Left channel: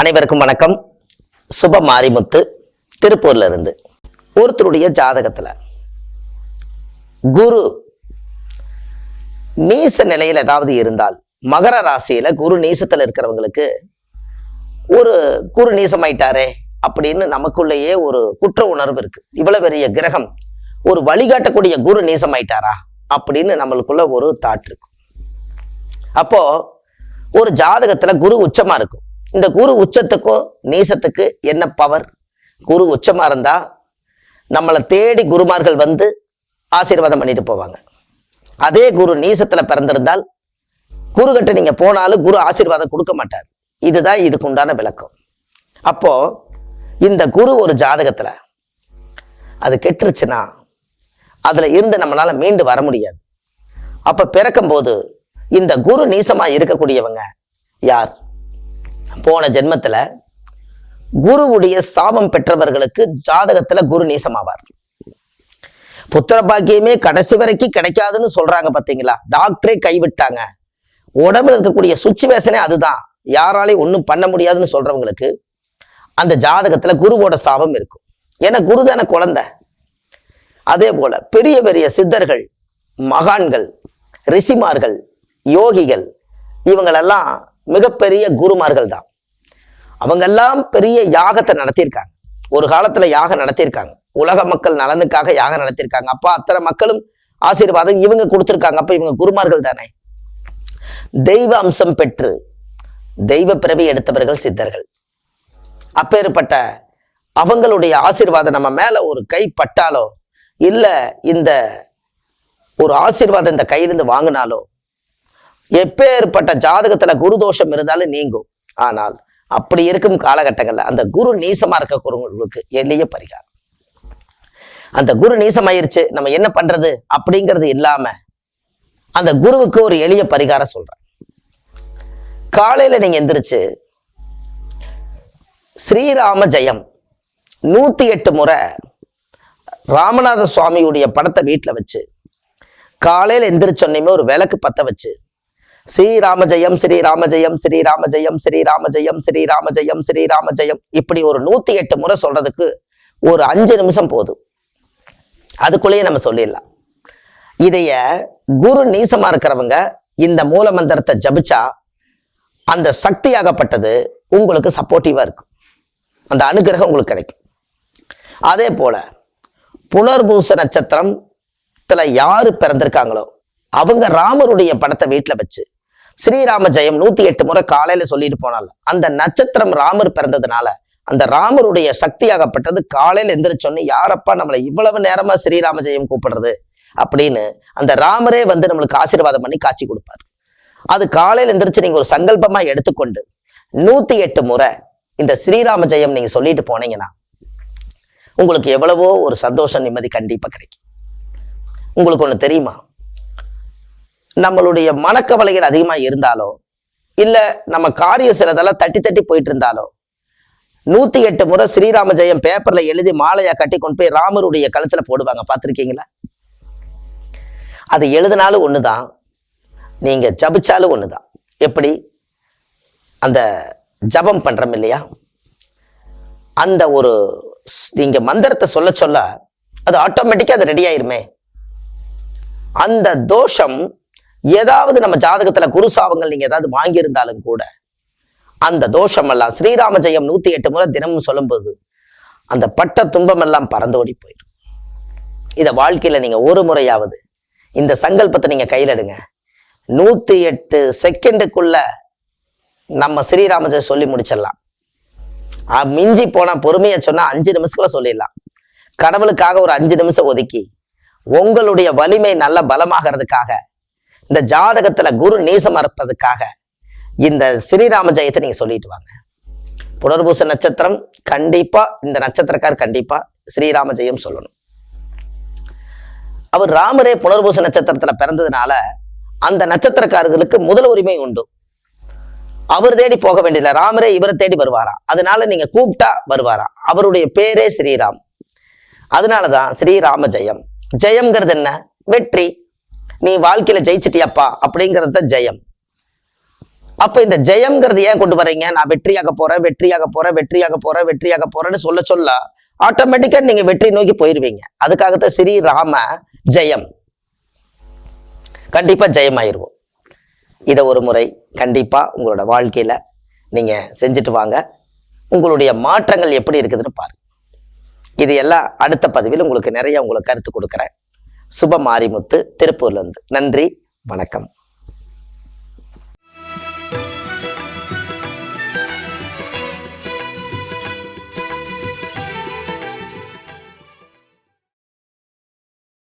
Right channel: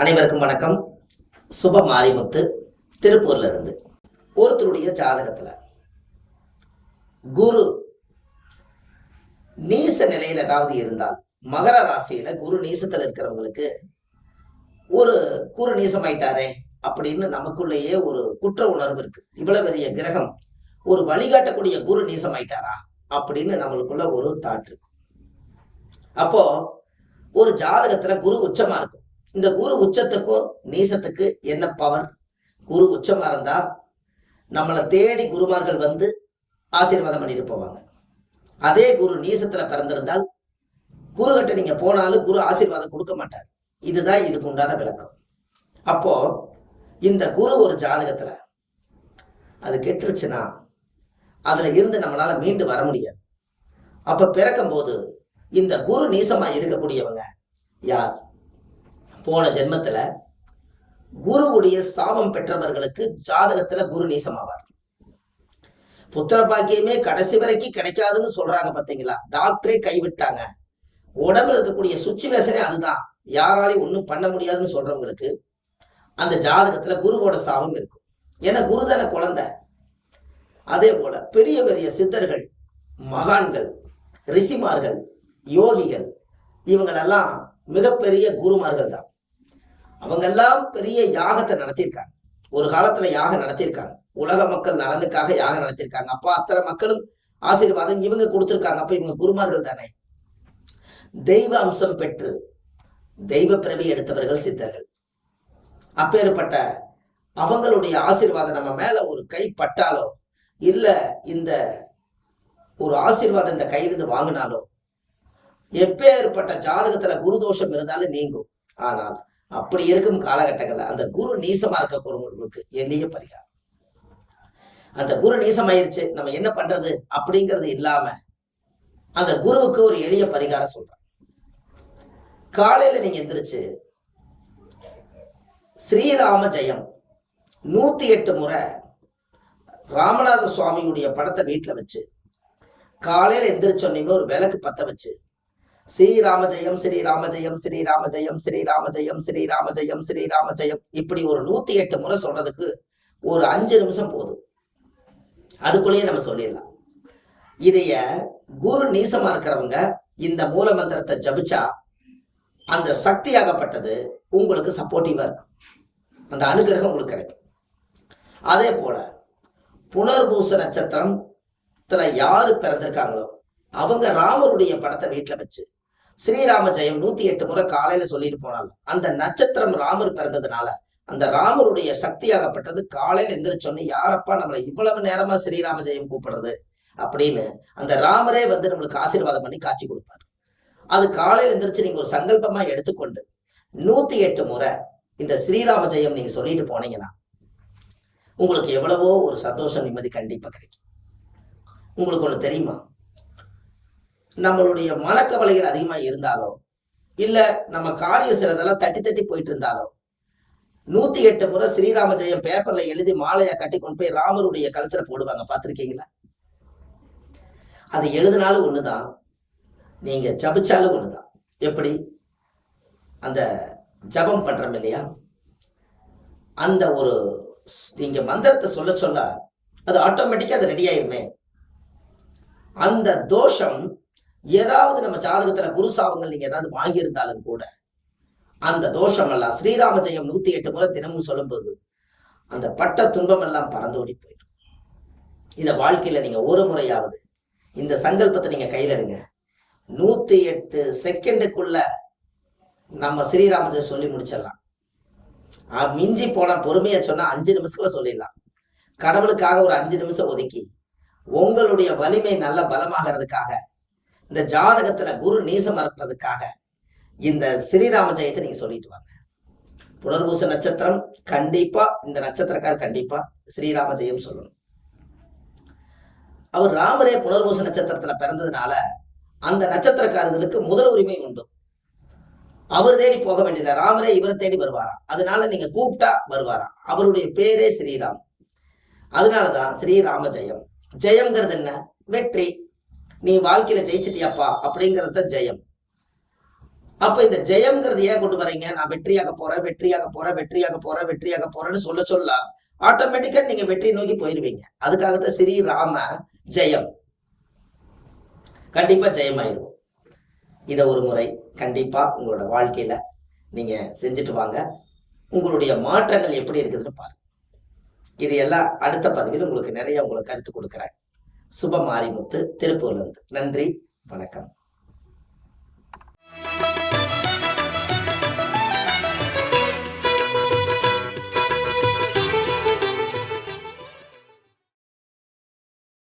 அனைவருக்கும் வணக்கம். சுப மாரிமுத்து, திருப்பூர்ல இருந்து. ஒருத்தருடைய ஜாதகத்துல குரு நீச நிலையில் ஏதாவது இருந்தால், மகர ராசியில குரு நீசத்துல இருக்கிறவங்களுக்கு ஒரு குரு நீசமாயிட்டாரே அப்படின்னு நமக்குள்ளேயே ஒரு குற்ற உணர்வு இருக்கு. இவ்வளவு பெரிய கிரகம் ஒரு வழிகாட்டக்கூடிய குரு நீசமாயிட்டாரா அப்படின்னு நம்மளுக்குள்ள ஒரு தாட் இருக்கு. அப்போ ஒரு ஜாதகத்துல குரு உச்சமா இருக்கும். இந்த குரு உச்சத்துக்கும் நீசத்துக்கு என்ன பவர்? குரு உச்சமா இருந்தா நம்மளை தேடி குருமார்கள் வந்து ஆசீர்வாதம் பண்ணிட்டு போவாங்க. அதே குரு நீசத்துல பிறந்திருந்தால் குரு கிட்ட நீங்க போனாலும் குரு ஆசீர்வாதம் கொடுக்க மாட்டார். இதுதான் இதுக்கு உண்டான விளக்கம். அப்போ இந்த குரு ஒரு ஜாதகத்துல அது கெட்டுருச்சுன்னா அதுல இருந்து நம்மளால மீண்டு வர முடியாது. அப்ப பிறக்கும் போது இந்த குரு நீசமா இருக்கக்கூடியவங்க யார்? போன ஜென்மத்துல குருவுடைய சாபம் பெற்றவர்களுக்கு ஜாதகத்துல குரு நீசமாவார். புத்திர பாக்கியமே கடைசி வரைக்கும் கிடைக்காதுன்னு சொல்றாங்க பாத்தீங்களா? டாக்டரே கைவிட்டாங்க. உடம்புல இருக்கக்கூடிய சுச்சுவேஷனே அதுதான், யாராலையும் ஒன்றும் பண்ண முடியாதுன்னு சொல்றவங்களுக்கு அந்த ஜாதகத்துல குருவோட சாபம் இருக்கும். ஏன்னா குருதான குழந்தை. அதே போல பெரிய பெரிய சித்தர்கள், மகான்கள், ரிஷிமார்கள், யோகிகள், இவங்களெல்லாம் மிகப்பெரிய குருமார்கள் தான். அவங்கெல்லாம் பெரிய யாகத்தை நடத்தியிருக்காங்க. ஒரு காலத்துல யாகம் நடத்தியிருக்காங்க. உலக மக்கள் நலனுக்காக யாகம் நடத்தியிருக்காங்க. அப்ப அத்தனை மக்களும் ஆசீர்வாதம் இவங்க கொடுத்திருக்காங்க. அப்ப இவங்க குருமார்கள் தானே. தெய்வ அம்சம் பெற்று தெய்வ பிறவி எடுத்தவர்கள் சித்தர்கள். அப்பேற்பட்ட அவங்களுடைய ஆசீர்வாதம் நம்ம மேல ஒரு கை பட்டாலோ, இல்ல இந்த ஒரு ஆசீர்வாதம் இந்த கையிலிருந்து வாங்கினாலோ, எப்பேற்பட்ட ஜாதகத்துல குரு தோஷம் இருந்தாலும் நீங்கும். ஆனால் அப்படி இருக்கும் காலகட்டங்கள்ல அந்த குரு நீசமா இருக்கக்கூடியவங்களுக்கு எளிய பரிகாரம். அந்த குரு நீசமாயிருச்சு, நம்ம என்ன பண்றது அப்படிங்கிறது இல்லாம அந்த குருவுக்கு ஒரு எளிய பரிகாரம் சொல்றேன். காலையில நீங்க எந்திரிச்சு ஸ்ரீராம ஜெயம் 108 முறை ராமநாத சுவாமியுடைய படத்தை வீட்டுல வச்சு காலையில எந்திரிச்சொன்னையுமே ஒரு விளக்கு பத்த வச்சு ஸ்ரீராம ஜெயம் ஸ்ரீராம ஜெயம் ஸ்ரீராம ஜெயம் ஸ்ரீராம ஜெயம் ஸ்ரீராம ஜெயம் ஸ்ரீராம ஜெயம் இப்படி ஒரு 108 முறை சொல்றதுக்கு ஒரு 5 நிமிஷம் போதும். அதுக்குள்ளேயே நம்ம சொல்லிடலாம். இதைய குரு நீசமா இருக்கிறவங்க இந்த மூல மந்திரத்தை ஜபிச்சா அந்த சக்தியாகப்பட்டது உங்களுக்கு சப்போர்ட்டிவா இருக்கும். அந்த அனுகிரகம் உங்களுக்கு கிடைக்கும். அதே போல புனர்பூச நட்சத்திரத்துல யாரு பிறந்திருக்காங்களோ அவங்க ராமருடைய படத்தை வீட்டுல வச்சு ஸ்ரீராம ஜெயம் 108 முறை காலையில சொல்லிட்டு போனால அந்த நட்சத்திரம் ராமர் பிறந்ததுனால அந்த ராமருடைய சக்தியாகப்பட்டது காலையில எந்திரிச்சோன்னு, யாரப்பா நம்மளை இவ்வளவு நேரமா ஸ்ரீராம ஜெயம் கூப்பிடுறது அப்படின்னு அந்த ராமரே வந்து நம்மளுக்கு ஆசீர்வாதம் பண்ணி காட்சி கொடுப்பாரு. அது காலையில எந்திரிச்சு நீங்க ஒரு சங்கல்பமா எடுத்துக்கொண்டு 108 முறை இந்த ஸ்ரீராம ஜெயம் நீங்க சொல்லிட்டு போனீங்கன்னா உங்களுக்கு எவ்வளவோ ஒரு சந்தோஷம், நிம்மதி கண்டிப்பா கிடைக்கும். உங்களுக்கு ஒண்ணு தெரியுமா? நம்மளுடைய மனக்கவலைகள் அதிகமா இருந்தாலோ, இல்ல நம்ம காரிய சிலதெல்லாம் தட்டி தட்டி போயிட்டு இருந்தாலோ 108 முறை ஸ்ரீராம ஜெயம் பேப்பர்ல எழுதி மாலையா கட்டி கொண்டு போய் ராமருடைய கழுத்துல போடுவாங்க. பார்த்திருக்கீங்களா? அது எழுதினாலும் ஒண்ணுதான், நீங்க ஜபிச்சாலும் ஒண்ணுதான். எப்படி? அந்த ஜபம் பண்றோம் இல்லையா, அந்த ஒரு நீங்க மந்திரத்தை சொல்ல சொல்ல அது ஆட்டோமேட்டிக்கா அது ரெடி ஆயிருமே. அந்த தோஷம் ஏதாவது நம்ம ஜாதகத்துல குரு சாபங்கள் நீங்க ஏதாவது வாங்கியிருந்தாலும் கூட அந்த தோஷம் எல்லாம் ஸ்ரீராம ஜெயம் 108 முறை தினமும் சொல்லும்போது அந்த பட்ட துன்பம் எல்லாம் பறந்தோடி போயிடும். இத வாழ்க்கையில நீங்க ஒரு முறையாவது இந்த சங்கல்பத்தை நீங்க கையில் எடுங்க. 108 செகண்டுக்குள்ள நம்ம ஸ்ரீராம ஜெயம் சொல்லி முடிச்சிடலாம். மிஞ்சி போனா பொறுமையா சொன்னா 5 நிமிஷத்துக்குள்ள சொல்லிடலாம். கடவுளுக்காக ஒரு 5 நிமிஷம் ஒதுக்கி உங்களுடைய வலிமை நல்ல பலமாகிறதுக்காக, இந்த ஜாதகத்துல குரு நீசமா இருப்பதுக்காக இந்த ஸ்ரீராம ஜெயத்தை நீங்க சொல்லிட்டு வாங்க. புனர்பூச நட்சத்திரம் கண்டிப்பா, இந்த நட்சத்திரக்கார் கண்டிப்பா ஸ்ரீராம ஜெயம் சொல்லணும். அவர் ராமரே புனர்பூச நட்சத்திரத்துல பிறந்ததுனால அந்த நட்சத்திரக்காரர்களுக்கு முதல் உரிமை உண்டு. அவர் தேடி போக வேண்டியதில்லை, ராமரே இவரை தேடி வருவாரா. அதனால நீங்க கூப்பிட்டா வருவாரா. அவருடைய பேரே ஸ்ரீராம். அதனாலதான் ஸ்ரீராம ஜெயம். ஜெயம்ங்கிறது என்ன? வெற்றி. நீ வாழ்க்கையில ஜெயிச்சிட்டியாப்பா அப்படிங்கிறது தான் ஜெயம். அப்ப இந்த ஜெயம்ங்கிறது ஏன் கொண்டு வர்றீங்க? நான் வெற்றியாக போறேன், வெற்றியாக போறேன், வெற்றியாக போறேன், வெற்றியாக போறேன்னு சொல்ல ஆட்டோமேட்டிக்கா நீங்க வெற்றி நோக்கி போயிருவீங்க. அதுக்காகத்தான் ஸ்ரீராம ஜெயம். கண்டிப்பா ஜெயமாயிருவோம். இதை ஒரு முறை கண்டிப்பா உங்களோட வாழ்க்கையில நீங்க செஞ்சுட்டு வாங்க. உங்களுடைய மாற்றங்கள் எப்படி இருக்குதுன்னு பாருங்க. இது எல்லாம் அடுத்த பதிவில் உங்களுக்கு நிறைய உங்களுக்கு கருத்து கொடுக்குறேன். சுப மாரிமுத்து, திருப்பூர்ல இருந்து. நன்றி, வணக்கம்.